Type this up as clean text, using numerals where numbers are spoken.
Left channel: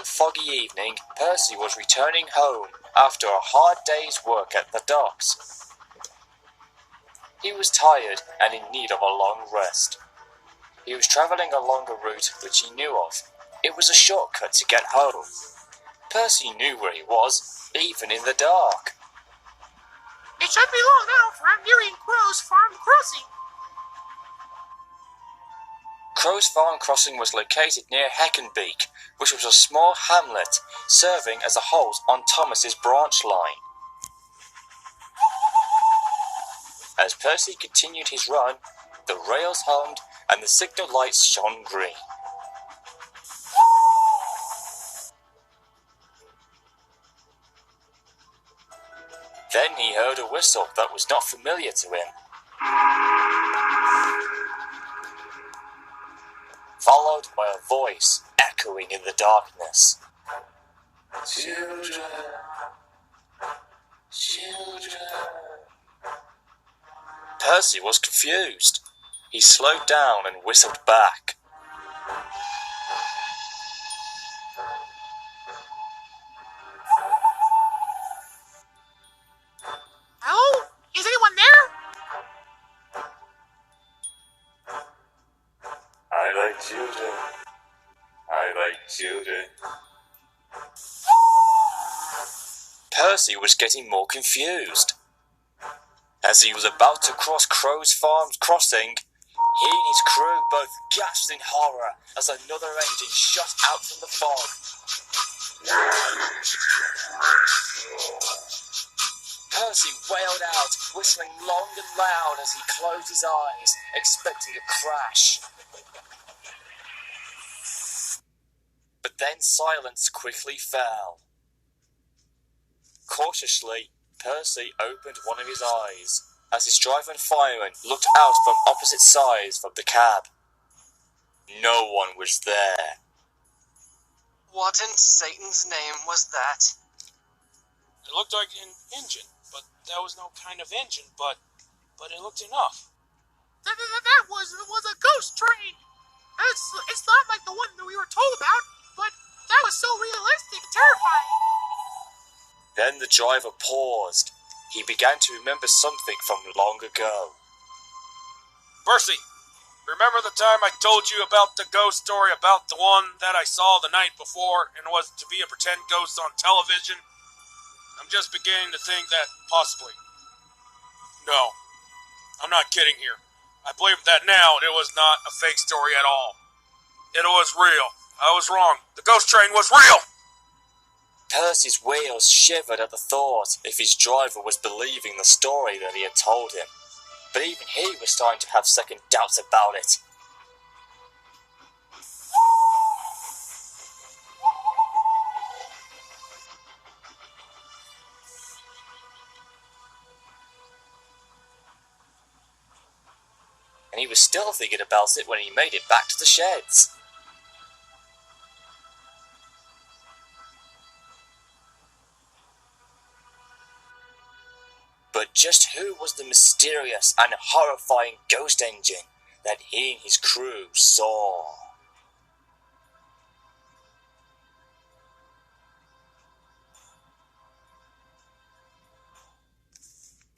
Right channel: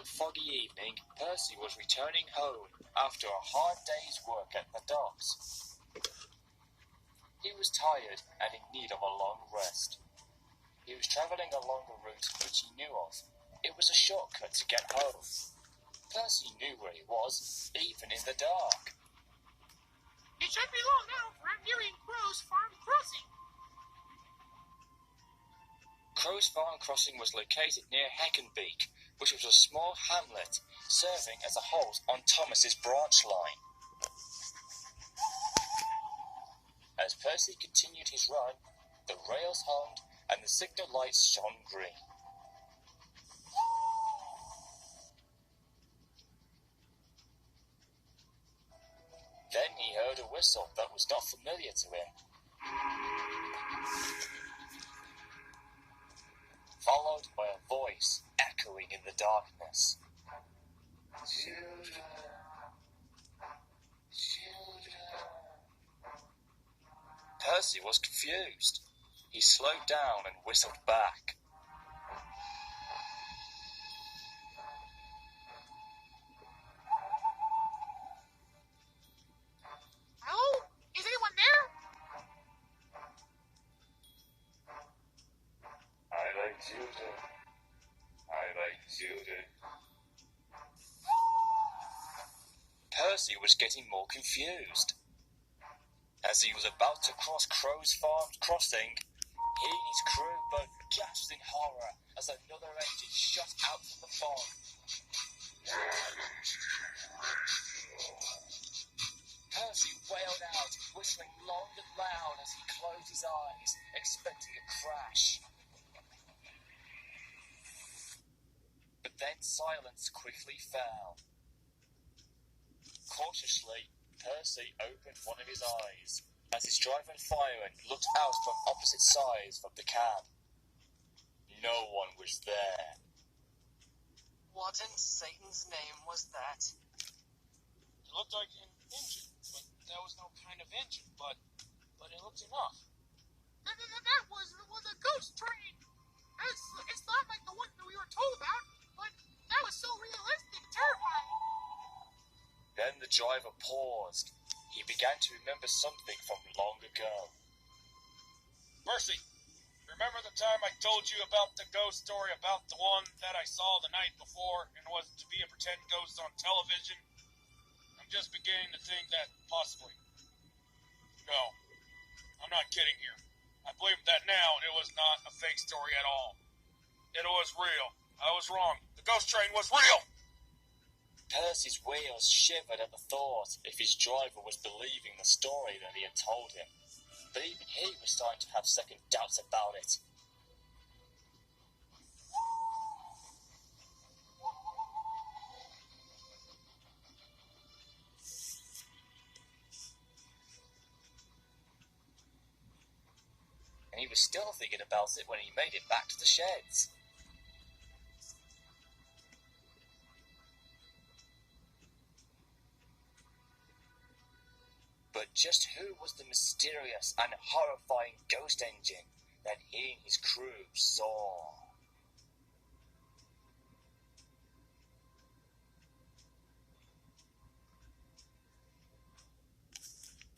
One foggy evening, Percy was returning home after a hard day's work at the docks. He was tired and in need of a long rest. He was travelling along a route which he knew of. It was a shortcut to get home. Percy knew where he was, even in the dark. It shouldn't be long now, for I'm nearing Crow's Farm Crossing. Crow's Farm Crossing was located near Heckenbeak, which was a small hamlet serving as a halt on Thomas's branch line. As Percy continued his run, the rails hummed and the signal lights shone green. Then he heard a whistle that was not familiar to him, followed by a voice echoing in the darkness. Children, children. Percy was confused. He slowed down and whistled back. Hello? Is anyone there? I like children. I like children. Percy was getting more confused. As he was about to cross Crow's Farm Crossing, he and his crew both gasped in horror as another engine shot out from the fog. Percy wailed out, whistling long and loud as he closed his eyes, expecting a crash. But then silence quickly fell. Cautiously, Percy opened one of his eyes as his driver and fireman looked out from opposite sides of the cab. No one was there. What in Satan's name was that? It looked like an engine, but that was no kind of engine, but it looked enough. That was a ghost train. It's not like the one that we were told about, but that was so realistic and terrifying. Then the driver paused. He began to remember something from long ago. Percy, remember the time I told you about the ghost story about the one that I saw the night before and was to be a pretend ghost on television? I'm just beginning to think that possibly. No, I'm not kidding here. I believe that now it was not a fake story at all. It was real. I was wrong. The ghost train was real! Percy's wheels shivered at the thought if his driver was believing the story that he had told him. But even he was starting to have second doubts about it. And he was still thinking about it when he made it back to the sheds. But just who was the mysterious and horrifying ghost engine that he and his crew saw?